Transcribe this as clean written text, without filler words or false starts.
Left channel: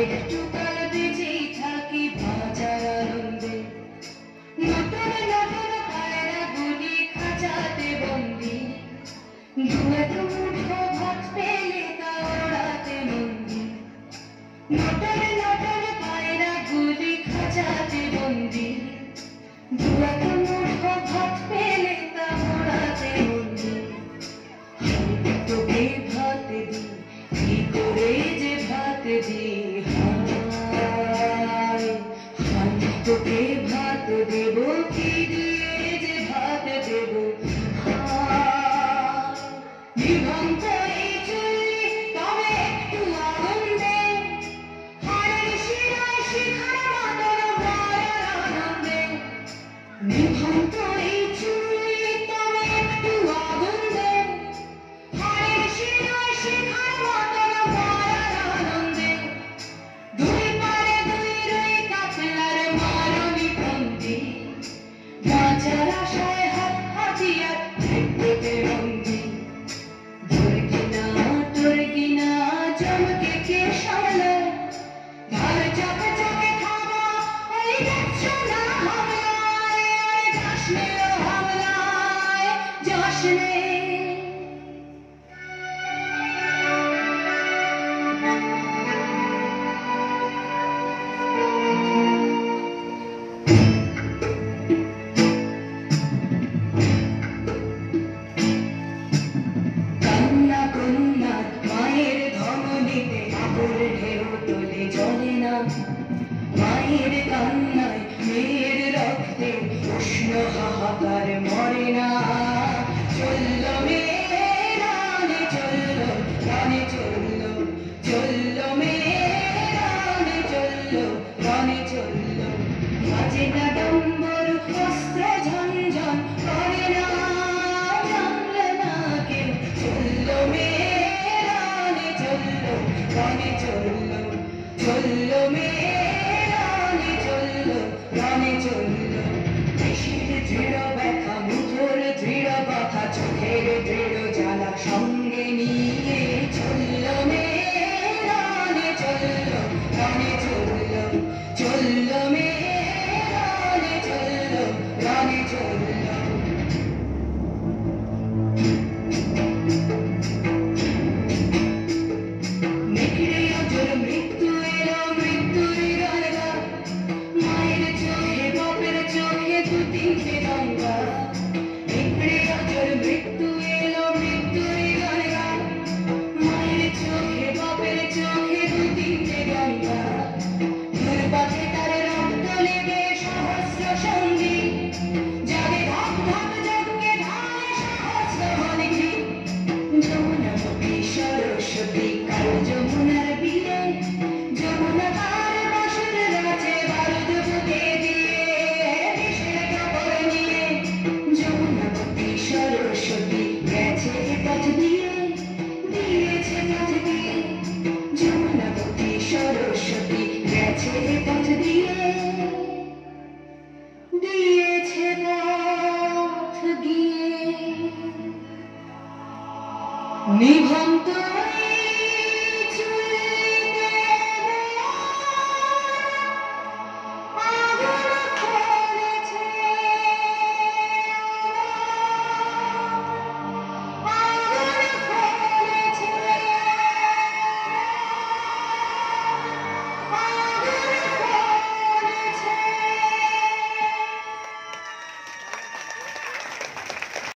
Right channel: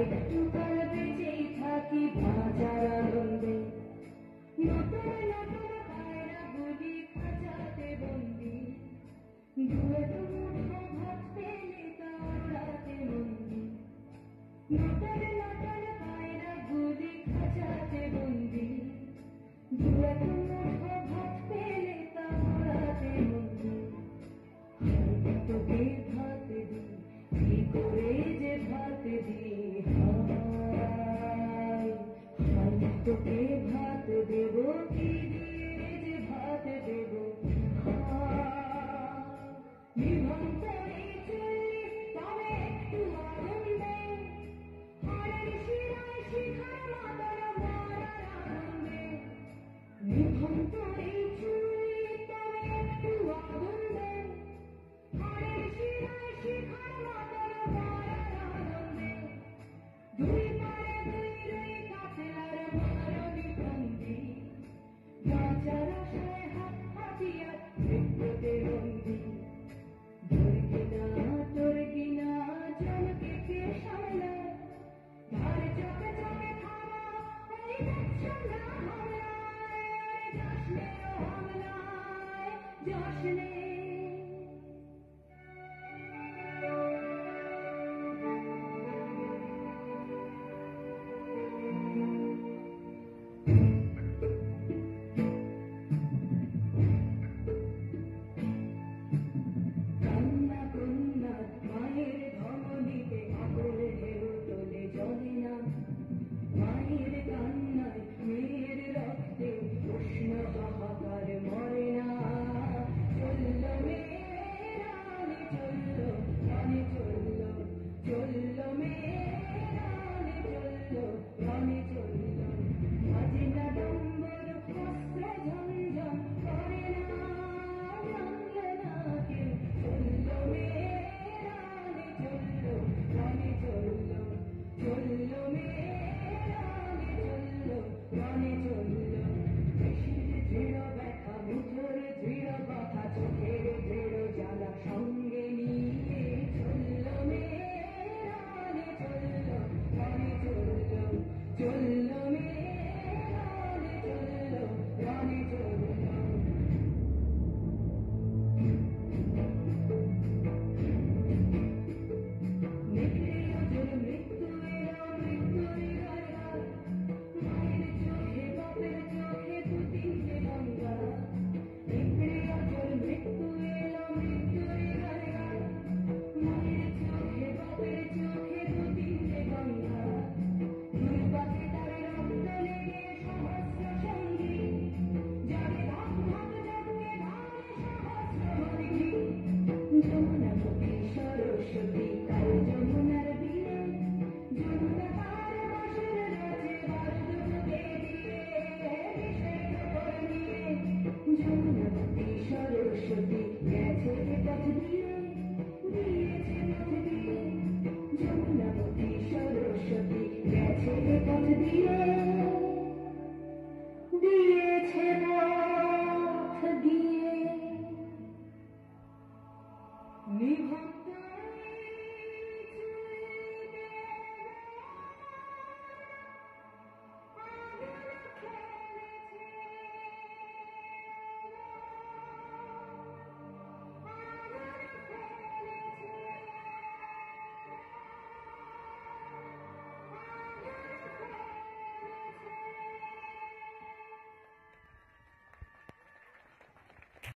একটু কাল বেঁচেই থাকি বাঁচার আনন্দে। নতুন নতুন পায়রাগুলি খাঁচাতে বন্দি, দু-এক মুঠো ভাত পেলে তা ওড়াতে মন্দি। নতুন নতুন পায়রাগুলি খাঁচাতে বন্দি, দু-এক মুঠো ভাত পেলে তা ওড়াতে মন্দি। আমি তোকে ভাত দিই, কি করে যে ভাত দিই, হায় আমি তোকে ভাত দেব, কি দিয়ে যে ভাত দেব, হায় নিভন্ত এই চুল্লি তবে একটু আগুন দে, হাড়ের শিরায় শিখার মতন মায়ার আনন্দে। নিভন্ত এই চুল্লি তবে একটু আগুন দে, হাড়ের শিরায় শিখার মতন মায়ার আনন্দে। দুই পারে দুই রুই কাতলার মারণি বন্দি, বাঁচার আশায় হাত হাতিয়ার পেটে বন্দি। তোর কিনা জমকে কে সামলায়, ধার চাপে চাপে খাওয়া ওই দেখছো না হামলায়, আরে যাস নে ও হামলায়, যাস নে। কান্না কন্যার মায়ের ধমনীতে আবুল ঢেউ তোলে জলে না, মায়ের কান্নায় মেয়ের রক্তে উষ্ণ হাহাকার মরে না। চলল মেয়ে রানে চলল, রানে চলল, চলল মেয়ে রানে চলল, রানে চলল। বাজে না ডম্বর অস্ত্র ঝনঝন করে না, জানল না কেউ। চলল মেয়ে রানে চলল, রানে চলল, চলল মেয়ে রানে চলল, রানে চলল। দেশের দৃঢ় ব্যথা, মুখর দৃঢ় কথা, চোখের দৃঢ় জ্বালা সঙ্গে নিয়ে চলল মেয়ে রানে চলল, রানে চলল, চলল মেয়ে রানে চলল, রানে চলল। নেকড়ে অজর মৃত্যু এলো, মৃত্যুর গান গা, মায়ের চোখে বাপের চোখে দু তিনটে গঙ্গা। নেকড়ে অজর মৃত্যু এলো, মৃত্যুর গান গা, মায়ের চোখে বাপের চোখে দু তিনটে গঙ্গা। দুর্বাতে তার রক্ত লেগে সহস্র সঙ্গী, যাদের ধাপ ধাপ যজ্ঞে ঢালে সহস্র হরিণী। যমুনাবতী সরস্বতী কাল যমুনার বিয়ে, যমুনা তার বাসুর রাজে বারুদ বুকে দিয়ে, বিষের কাপড় নিয়ে। যমুনাবতী সরস্বতী গেছে পথ দিয়ে, দিয়েছে পথ দিয়ে। যমুনাবতী সরস্বতী গেছে পথ দিয়ে, দিয়েছে পথ দিয়ে। নিভন্ত